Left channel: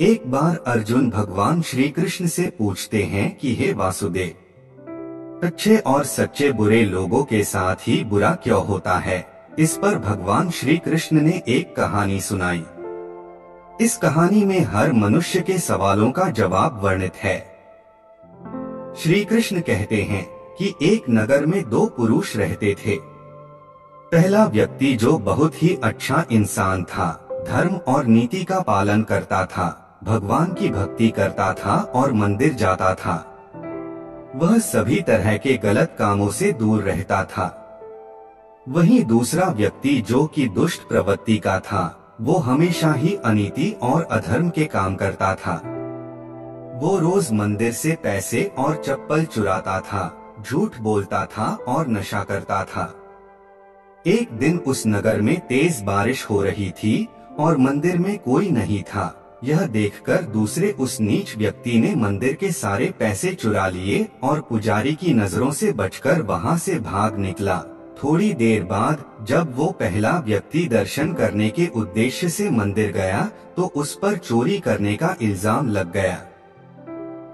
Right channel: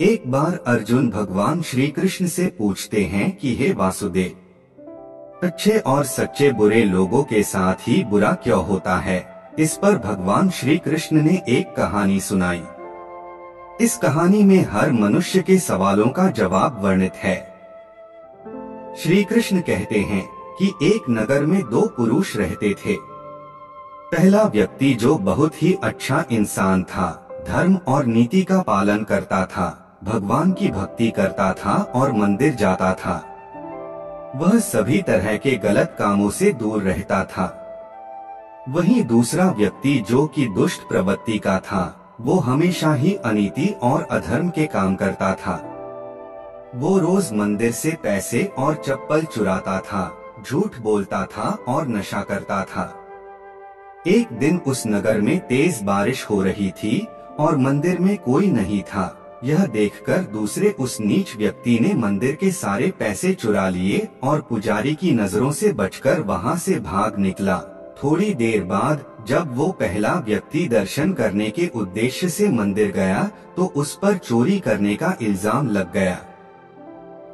एक बार अर्जुन भगवान श्री कृष्ण से पूछते हैं कि हे वासुदेव, अच्छे और सच्चे बुरे लोगों के साथ ही बुरा क्यों होता है। इस पर भगवान श्री कृष्ण ने एक कहानी सुनाई। इस कहानी में हर मनुष्य के सवालों का जवाब वर्णित है। श्री कृष्ण कहते हैं कि एक नगर में दो पुरुष रहते थे। पहला व्यक्ति जो बहुत ही अच्छा इंसान था, धर्म और नीति का पालन करता था, भगवान की भक्ति करता था और मंदिर जाता था। वह सभी तरह के गलत कामों से दूर रहता था। वहीं दूसरा व्यक्ति जो कि दुष्ट प्रवृत्ति का था, वो हमेशा ही अनीति और अधर्म के काम करता था। वो रोज मंदिर से पैसे और चप्पल चुराता था, झूठ बोलता था और नशा करता था। एक दिन उस नगर में तेज बारिश हो रही थी और मंदिर में कोई नहीं था। यह देखकर दूसरे उस नीच व्यक्ति ने मंदिर के सारे पैसे चुरा लिए और पुजारी की नजरों से बचकर वहां से भाग निकला। थोड़ी देर बाद जब वो पहला व्यक्ति दर्शन करने के उद्देश्य से मंदिर गया तो उस पर चोरी करने का इल्जाम लग गया।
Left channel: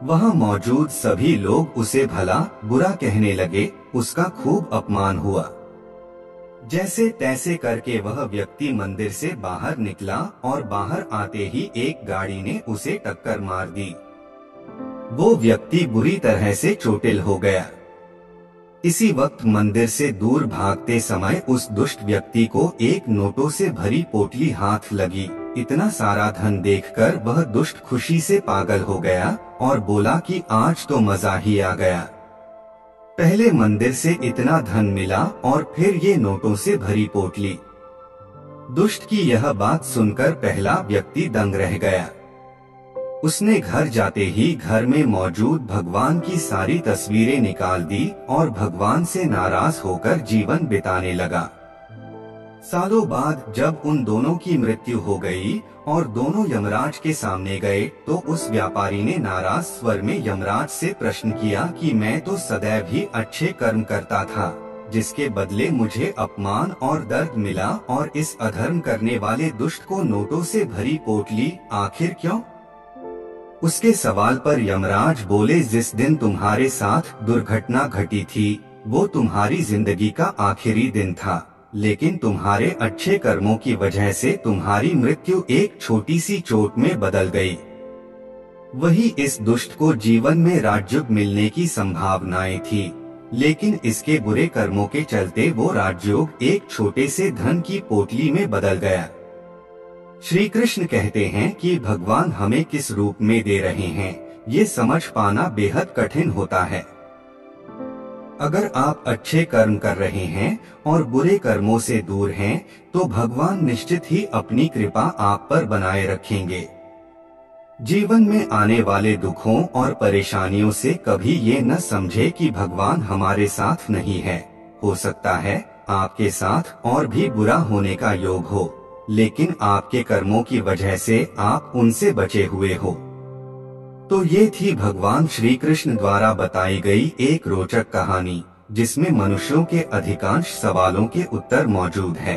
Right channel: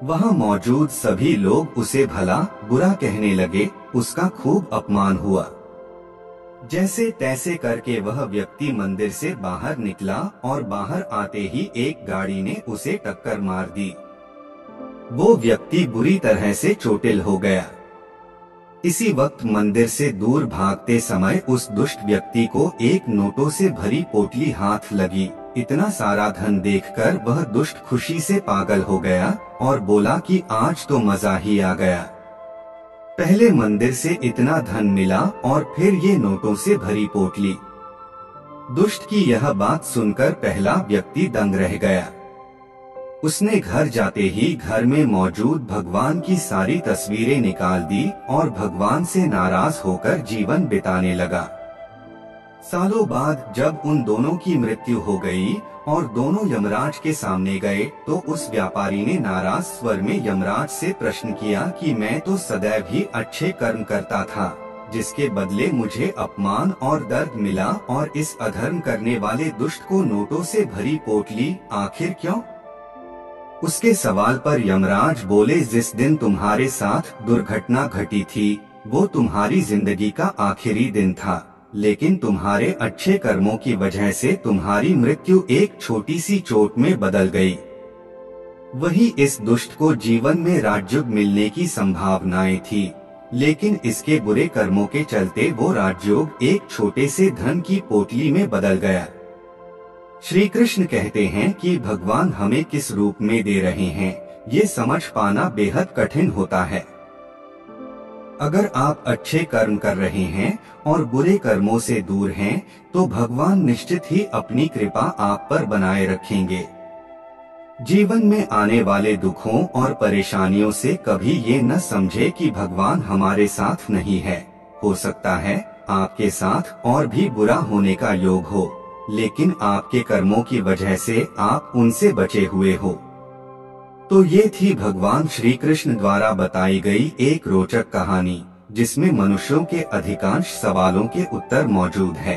वहां मौजूद सभी लोग उसे भला बुरा कहने लगे। उसका खूब अपमान हुआ। जैसे तैसे करके वह व्यक्ति मंदिर से बाहर निकला और बाहर आते ही एक गाड़ी ने उसे टक्कर मार दी। वो व्यक्ति बुरी तरह से चोटिल हो गया। इसी वक्त मंदिर से दूर भागते समय उस दुष्ट व्यक्ति को एक नोटों से भरी पोटली हाथ लगी। इतना सारा धन देखकर वह दुष्ट खुशी से पागल हो गया और बोला कि आज तो मजा ही आ गया। पहले मंदिर से इतना धन मिला और फिर ये नोटों से भरी पोटली। दुष्ट की यह बात सुनकर पहला व्यक्ति दंग रह गया। उसने घर जाते ही घर में मौजूद भगवान की सारी तस्वीरें निकाल दी और भगवान से नाराज होकर जीवन बिताने लगा। सालों बाद जब उन दोनों की मृत्यु हो गई और दोनों यमराज के सामने गए तो उस व्यापारी ने नाराज स्वर में यमराज से प्रश्न किया कि मैं तो सदैव ही अच्छे कर्म करता था, जिसके बदले मुझे अपमान और दर्द मिला, और इस अधर्म करने वाले दुष्ट को नोटों से भरी पोटली आखिर क्यों? उसके सवाल पर यमराज बोले, जिस दिन तुम्हारे साथ दुर्घटना घटी थी वो तुम्हारी जिंदगी का आखिरी दिन था, लेकिन तुम्हारे अच्छे कर्मों की वजह से तुम्हारी मृत्यु एक छोटी सी चोट में बदल गई। वही इस दुष्ट को जीवन में राजयोग मिलने की संभावनाएं थी, लेकिन इसके बुरे कर्मों के चलते वो राजयोग एक छोटे से धन की पोटली में बदल गया। श्री कृष्ण कहते हैं कि भगवान हमें किस रूप में दे रहे हैं, ये समझ पाना बेहद कठिन होता है। अगर आप अच्छे कर्म कर रहे हैं और बुरे कर्मों से दूर हैं, तो भगवान निश्चित ही अपनी कृपा आप पर बनाए रखेंगे। जीवन में आने वाले दुखों और परेशानियों से कभी ये न समझे कि भगवान हमारे साथ नहीं है। हो सकता है आपके साथ और भी बुरा होने का योग हो, लेकिन आपके कर्मों की वजह से आप उनसे बचे हुए हो। तो ये थी भगवान श्री कृष्ण द्वारा बताई गई एक रोचक कहानी, जिसमें मनुष्यों के अधिकांश सवालों के उत्तर मौजूद है।